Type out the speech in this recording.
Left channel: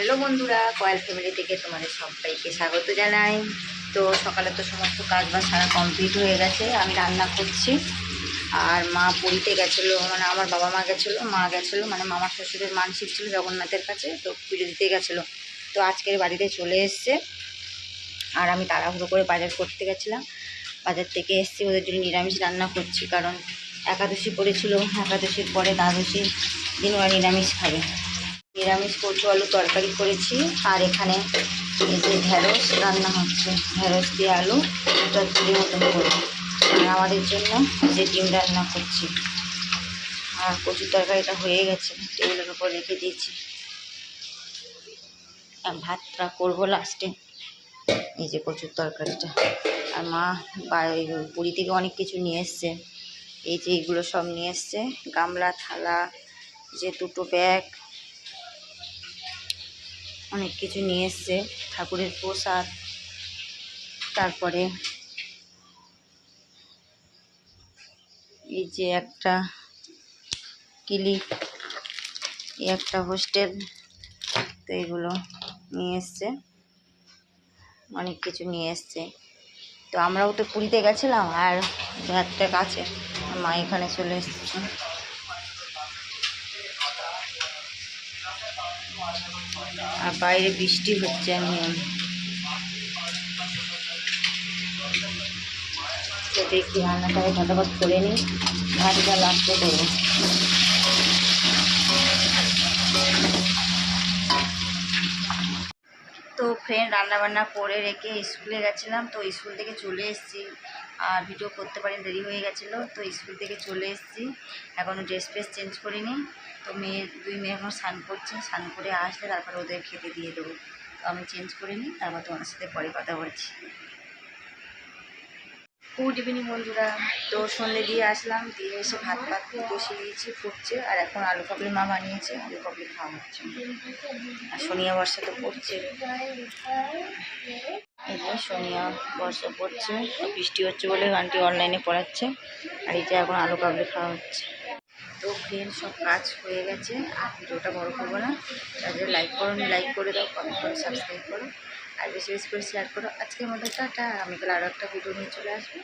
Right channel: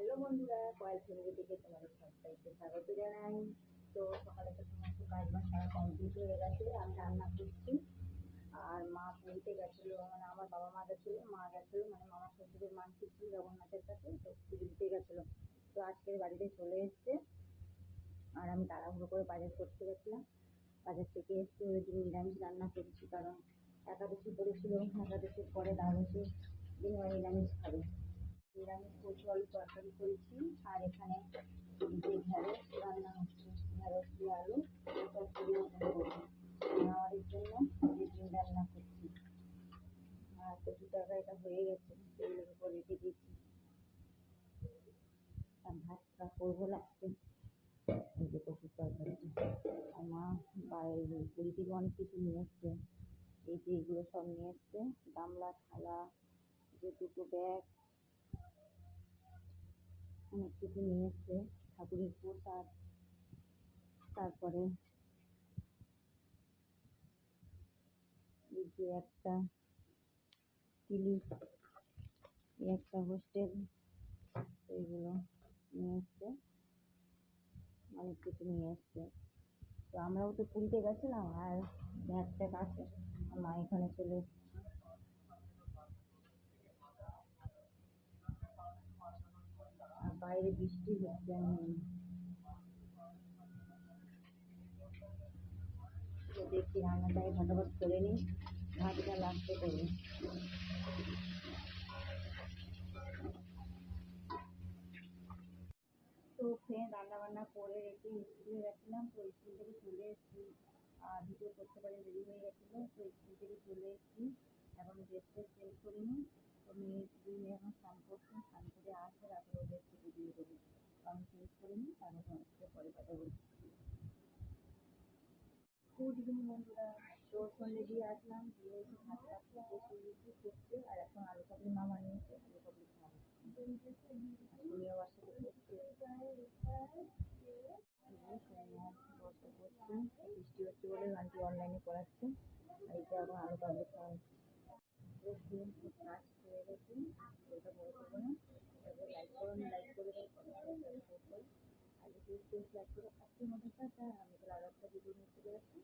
Hello বন্ধুরা coil family থেকে তোমাদের সবাইকে স্বাগত জানাই। তো সকালে তো সমস্ত কাজ বাজ সারা কমপ্লিট হয়ে গেছে, আমি রান্না করছি। আর মা পুরীতে গেছিল মানে আমার বাবা মা গেছিল মা গেছিল মানে মামার শ্বশুরের মানসিক ছিল জগন্নাথের কাছে, তো পুজো দিতে গেছিল। তো আজকের বাড়িতে চলে এসছে। আর আমি তাড়াহুড়ো করে বাজার করতে গেছিলাম। বাজার থেকে এসছি, ওদের জন্য নিরামিষ রান্না করছি, কারণ একাদশী পড়েছিল, একাদশীর পরে দ্বাদশীর দিন ওরা নিরামিষ খাবে। নিরামিষ কচু আলু তরকারি করেছি আর এখানে এই যে ঢেঁড়স রান্না হচ্ছে। ঢেঁড়স দিয়ে আলু চচ্চড়ি মতন করে। আর আমাদের জন্য যে ডিম রান্না করছি। আর কচুর তরকারিটা হয়ে গেছে, টেবিলের উপর রেখে দিয়েছি। ভাতটা করব লাস্টে এই যে কচুর তরকারিটা। আর মা পুরী থেকে অনেক কিছু নিয়ে এসছে। এই যে এগুলো সব নিয়ে এসছে। গামলা, থালা, যে দুটো ব্যাগ অনেক কিছু নিয়ে এসছে, ঠাকুরের প্রসাদ, তারপরে এই যে একটা এই একটা হোস্টেল, তো এগুলো নিয়ে এসছে, অনেক কিছু নিয়ে এসছে। তো আমরাও তো পুরীতে গেছিলাম আর একটা কাছে মা এখানে চলে এসছে। আর বাইরে বৃষ্টি হচ্ছে আমি দেখি রান্নাটাকে ফটাফট করে নিই, ভাতটা লাস্টে করব। তো ফ্রেন্ড রান্নাবান্না করে রেখে স্কুলে গেছিলাম, তো স্কুল থেকে চলে এসেছি। আর ভিডিও করতে পারি দেরি হয়ে গেছিল, তো স্কুল থেকে চলে এসেছি। এখনও ড্রেস ফ্রেস চেঞ্জ করিনি। তো মেয়ে, দুই মেয়ে এখন স্নান করছে, স্নান করে আসলে তারপর ওদের খেতে দিয়ে দেবো। তো আমি চেঞ্জ করে নিই তারপর তোমার সাথে পরে কথা বলছি। গুড ইভিনিং বন্ধুরা। তো সন্ধে দিয়ে আসলাম, দিয়ে এসে ভাত ভাত বসিয়ে দিয়েছি, ফুটছে, আর এখন আলু কাবলি মা বানিয়েছে, আলু কাবলি খাওয়া হচ্ছে। আর সোনিয়া বর্ষা তো পড়ছে সোনিয়া বর্ষা পড়ছে। বৃষ্টি হচ্ছে বলে গানটি অনলাইনে পড়াচ্ছে। আর এটা এখন আলু কাবলি খাওয়া হচ্ছে। তো ফ্রেন্ড সব কাজ হয়ে গেছে। আর ভিডিওটা বড় করব না। তাদের লাইক করো লাইক করে দাও কমেন্ট করো সাবস্ক্রাইব করো। আর বেশি বেশি করে শেয়ার করো। আজকের মধ্যে টাটা। আমি তাহলে আরও একটা ভিডিও নিয়ে চলে আসব।